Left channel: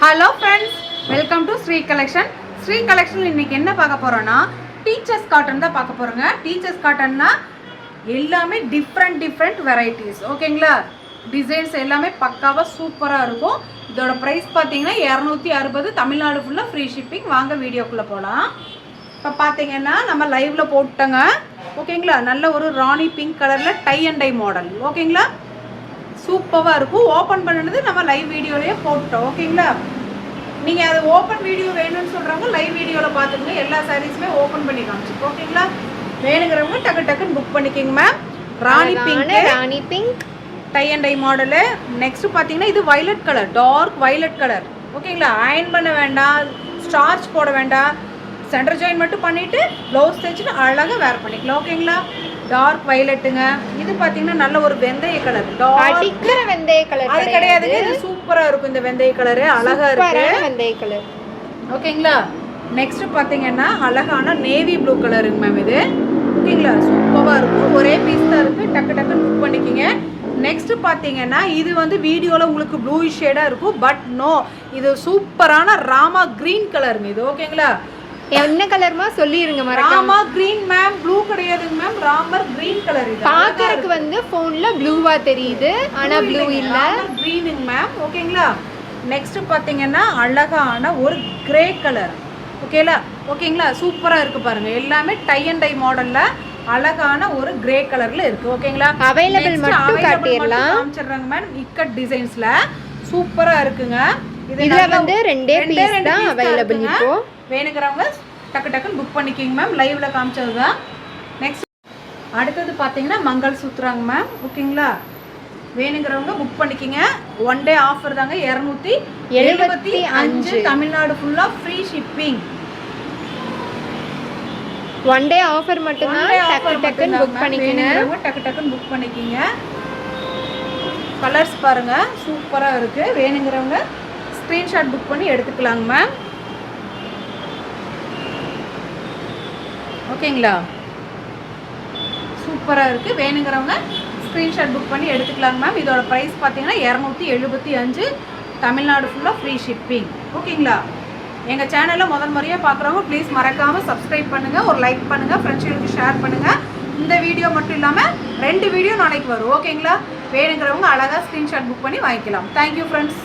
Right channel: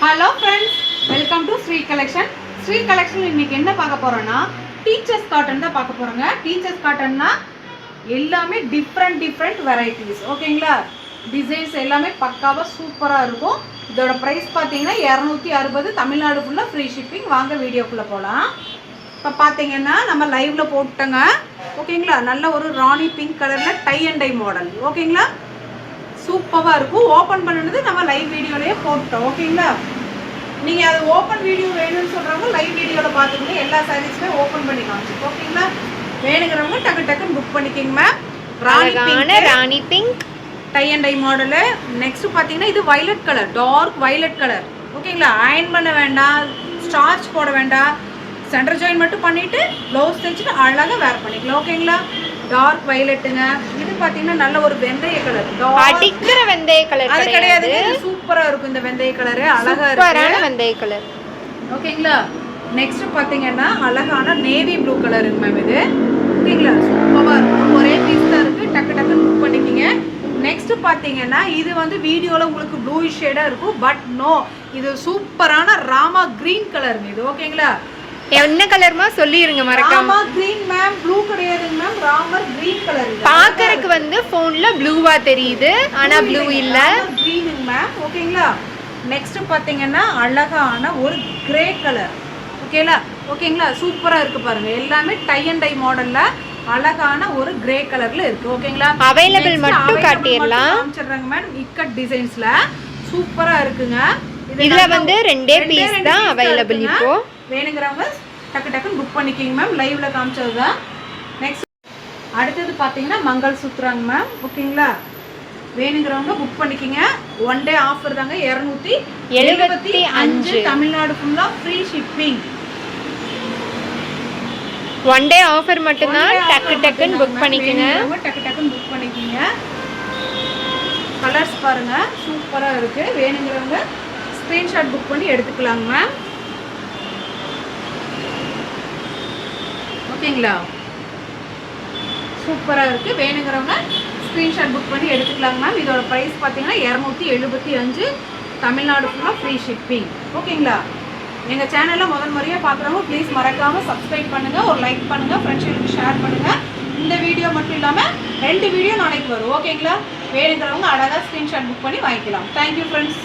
Hello friends, welcome to Sri collection. Sri collection இன்னைக்கு என்ன பார்க்க போறோம்னா டீச்சர்ஸ் காட்டன் தான் பார்க்க போறோங்க. டீச்சர்ஸ் காட்டன்னா எல்லாமே டிஃப்ரெண்ட் வெரைட்டிஸ். ஓகேங்களா? டிசைன்ஸ் எல்லாமே பக்காவாக சூப்பராக இருக்கும். இதோட ப்ரைஸ் பார்த்தீங்கன்னா 260. தமிழ்நாடு ஃபுல்லாக ஃப்ரீ ஷிப்பிங். வாங்க வீடியோக்குள்ளே போகலாம். இப்போ பார்த்தீங்கன்னா நம்ம லைவ்ல போட்டோங்க. ஓகேங்களா? நல்ல ஒரு ராணி பிங்க் கலரில் டை அண்ட் டை மாடல். ஓகேங்களா? சூப்பராக இருக்கும். ஓப்பன் பண்ணினது நம்ம லைவ் வீடியோலேயே போட்டோம். ஓகேங்களா? நீங்கள் அது ஓப்பன் வீடியோ வேணும்னு சொல்கிறவங்க லைவ் வீடியோவில் பார்த்துக்கோங்க. எல்லா சாரீஸுமே ஓப்பன் பண்ணி காமிச்சிருக்கோம். ஓகேங்களா? வேணுங்கிறவங்க டக்குன்னு புக் பண்ணிக்கோங்க ma'am. Rani pink tie and tie model. Next பார்த்தீங்கன்னா இது violet colour, dark violet colour. ஓகேங்களா? அயன் பண்ண வேண்டாம், ஸ்டார்ச் போட வேண்டாம், சென்டர் ஜாயின் மட்டும் பண்ணிவிட்டு ப்ளவுஸ் தைச்சிட்டு அழகாக வேர் பண்ணிக்கலாம். ஓகேங்களா? டார்க் வயலட்டுங்க. இது பார்த்தீங்கன்னா நல்ல ஒரு வெந்தய கலர், அடிக்கிற வெந்தய கலர். அது கிடையாது, சூப்பரா இருக்கும் இந்த வெந்தய கலர். அழகா இருக்கு வெந்தய கலர். ஓகேங்களா? நெக்ஸ்ட் பார்த்தீங்கன்னா அழகான நேவி ப்ளூ கலருங்க மேம். இது ஓகேங்களா? சூப்பரா இருக்கும். ஒரே பீஸ் தான் இருக்கு. டக்கு புக் பண்ணிக்கிங்க. நெக்ஸ்ட் பார்த்தீங்கன்னா இது வந்து வீடியோவில் உங்களுக்கு ப்ளூயிஷ் ஷேடாக இருக்கும். பட் நோ, இது சூப்பரான ராமா கிரீன் கலருங்க இது. ஓகேங்களா? என்ன கலர்மா சொல்லிருங்க மறக்காம. ராமா கிரீன் மேம், ப்ளூ கிடையாதுங்க மேம், ராமர் கிரீன் கலர். இது பாக்கறதுக்கு வந்து போன்ல ப்ளூவா தெரியுது, ஆனா ப்ளூ இல்ல, கிரீனுங்க மேம். ஓகேங்களா? நெக்ஸ்ட் பாத்தீங்கன்னா அழகான ஒரு கிரே கலர். ஓகேங்களா? சூப்பரா இருக்கு பாருங்க. எல்லாமே டை அண்ட் டை மாடல்ல அழகான ஒரு கிரே கலர்ல இருக்கு. ஓகேங்களா? அவைலபிள் மட்டும் காட்டிடலாம். காமிச்சறங்க மேம். இக்கட் டிசைன்ஸ்ல சூப்பரா இருக்குங்க. இதுல வந்து ரெண்டே பீஸ் தான் அவைலபிள். இப்போ வேணுங்கிறவங்க டக்குன்னு புக் பண்ணிக்கிங்க மேம். லைவ்ல காமிச்சது தான். நெக்ஸ்ட் அடுத்தது பார்த்தீங்கன்னா மங்கள் சூத்ராங்க மேம். ஓகேங்களா? வேணுங்கிறவங்க புக் பண்ணிக்கிங்க. ஒன் டே ஆஃபர் தாங்க. 275. தமிழ்நாடு ஃபுல்லாக free shipping. One day offer மட்டும்தான். டக்குன்னு புக் பண்ணிக்கிங்க. டக்குன்னு புக் பண்ணிக்கிங்க. கலர்ஸ் பாருங்க, சூப்பராக இருக்கு. வேணுங்கிறவங்க ஸ்க்ரீன்ஷாட் புக் பண்ணி எடுத்துக்கலாங்க மேம். ஓகேங்களா? சூப்பராக இருக்குது. வேணுங்கிறவங்க ஸ்க்ரீன்ஷாட் புக் பண்ணி எடுத்துக்கலாங்க மேம். இதோட ப்ரைஸ் பார்த்தீங்கன்னா 275. தமிழ்நாடு ஃபுல்லாக ஃப்ரீ ஷிப்பிங். ஓகேங்களா? எங்கள் சேனலில் முறையாக பார்க்குறவங்க ப்ளீஸ் மறக்காமல் சப்ஸ்கிரைப் பண்ணுங்கள், ஒரு லைக் பண்ணுங்கள், ஃப்ரெண்ட்ஸுகளுக்கு ஷேர் பண்ணுங்கள். இந்த வீடியோ மட்டும் இல்லாமல் 2 வீடியோ நாளைக்கு வரும். ஓகேங்களா? வேணுங்கிறவங்க அழகாக ஸ்க்ரீன்ஷாட் புக் பண்ணி வாங்கிக்கலாம். Thank you friends.